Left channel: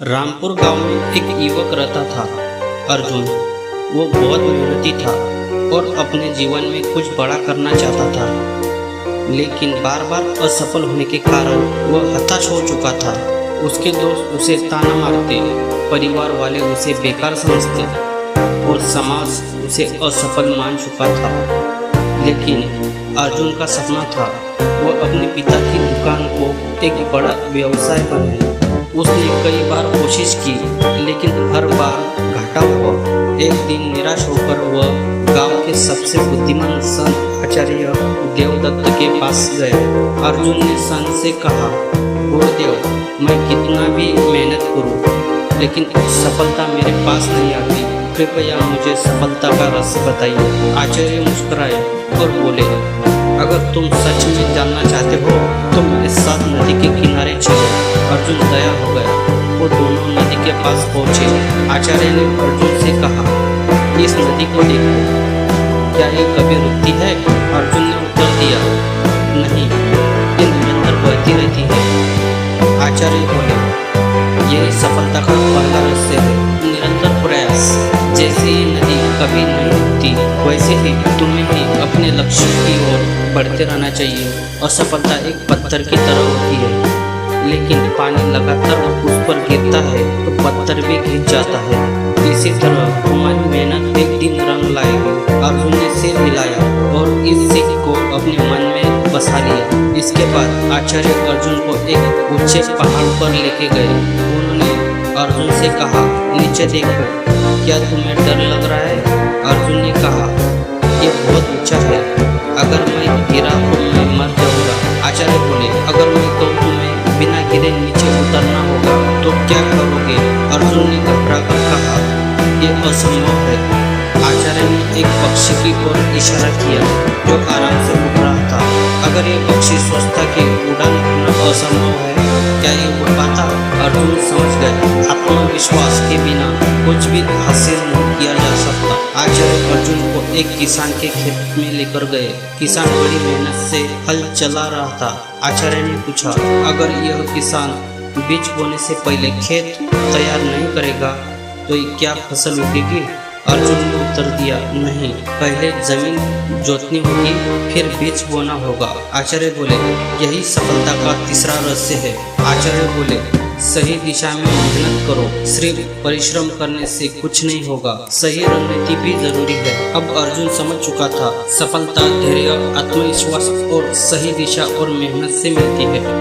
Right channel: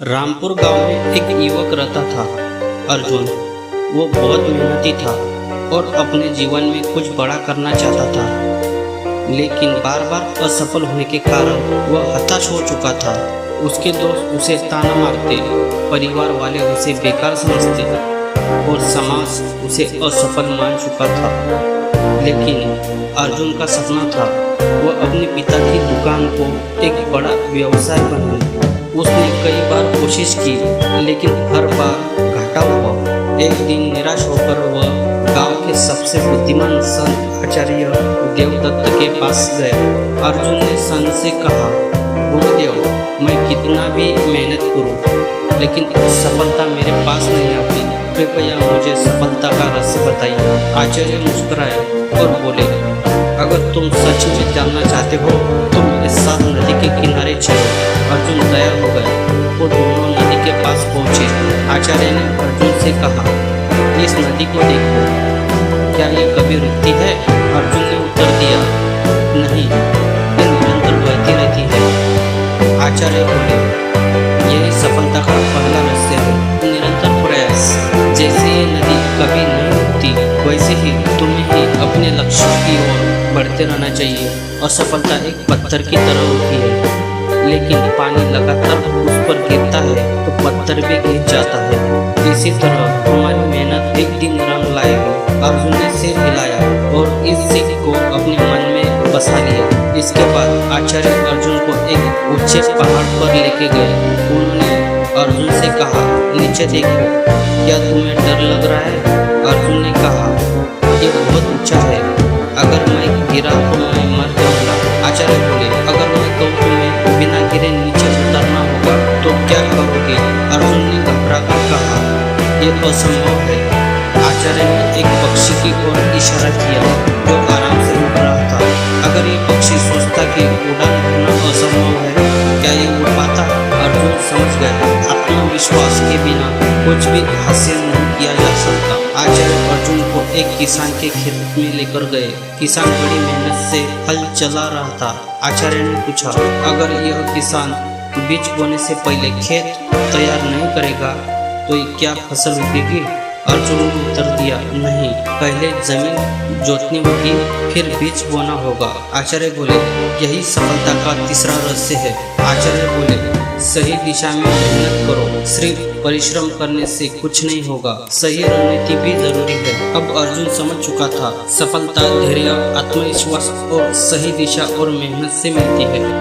रामपुर गांव में एक युवक रहता था, अर्जुन। वो बहुत मेहनती था और अपने जीवन में कुछ बड़ा करना चाहता था, लेकिन बार बार असफल होने के कारण वह हताश हो चुका था। उसके दोस्त उसे ताना मारते, परिवार वाले उसे बेकार समझते और समाज उसे असफल मान चुका था। लेकिन अर्जुन का सपना था वह अपने पिता की दुकान को एक बड़ा व्यवसाय बनाए। उसने कई बार कोशिश की, लेकिन हर बार घाटा हुआ। एक दिन निराश होकर वह गांव के सबसे बुद्धिमान संत आचार्य देवदत्त के पास गया। अर्जुन ने संत से कहा, गुरुदेव, मैं कितना भी मेहनत करूं, लेकिन सफलता मेरे पास नहीं आती। कृपया मुझे सफलता का रहस्य बताइए। आचार्य मुस्कुराए और बोले, अगर तुम सच में जानना चाहते हो तो मेरे साथ नदी के किनारे चलो। अर्जुन तैयार हो गया। वो दोनों नदी के पास पहुँचे। आचार्य ने अर्जुन से कहा, इस नदी को देखो, क्या ये कभी रुकती है? अर्जुन ने उत्तर दिया, नहीं, ये निरंतर बहती रहती है। आचार्य बोले, यही सफलता का पहला रहस्य है, निरंतर प्रयास। जैसे ये नदी कभी नहीं रुकती, वैसे ही तुम्हें ही अपने लक्ष्य की ओर बढ़ते रहना चाहिए। असफलता एक पत्थर की तरह होती है, लेकिन पानी लगातार उस पर गिरता है तो पत्थर भी गिर जाता है। इसी तरह हमारी मेहनत एक दिन रंग लाएगी। अर्जुन ने सिर हिलाया और इस सीख को अपने मन में बसा लिया। इसके बाद आचार्य अर्जुन को एक ऊंचे पहाड़ पर लेके गए। उन्होंने अर्जुन से कहा, नीचे देखो, क्या तुम्हें डर लग रहा है? अर्जुन ने कहा, ये बहुत ऊंचा है, अगर मैं गिरा तो मैं मर जाऊंगा। आचार्य बोले, अगर मैं कहूँ तुम्हें बिना गिरे नीचे उतरना होगा तो क्या करोगे? अर्जुन ने घबराकर कहा, ये असंभव है। आचार्य ने एक पक्षी की ओर इशारा किया जो आराम से उड़ रहा था। अगर ये पक्षी सोचता कि उड़ान भरना असंभव है, क्या ये उड़ पाता? अर्जुन समझ गए, आत्मविश्वास के बिना कुछ भी हासिल नहीं किया जा सकता। आचार्य अर्जुन को एक किसान के खेत में लेकर गए। किसान बड़ी मेहनत से हल चला रहा था। आचार्य ने पूछा, अगर यह किसान बीज बोने से पहले खेत तैयार नहीं करेगा तो क्या फसल उगेगी? अर्जुन ने उत्तर दिया, नहीं, पहले जमीन जोतनी होगी, फिर बीज बोना होगा। आचार्य बोले, यही सफलता का तीसरा रहस्य है। आचार्य बोले, सही दिशा में मेहनत करो, सिर्फ परिश्रम करने से कुछ नहीं होगा, सही रणनीति भी जरूरी है। अब अर्जुन समझ चुका था, सफलता धैर्य, आत्मविश्वास और सही दिशा और मेहनत से मिलती है।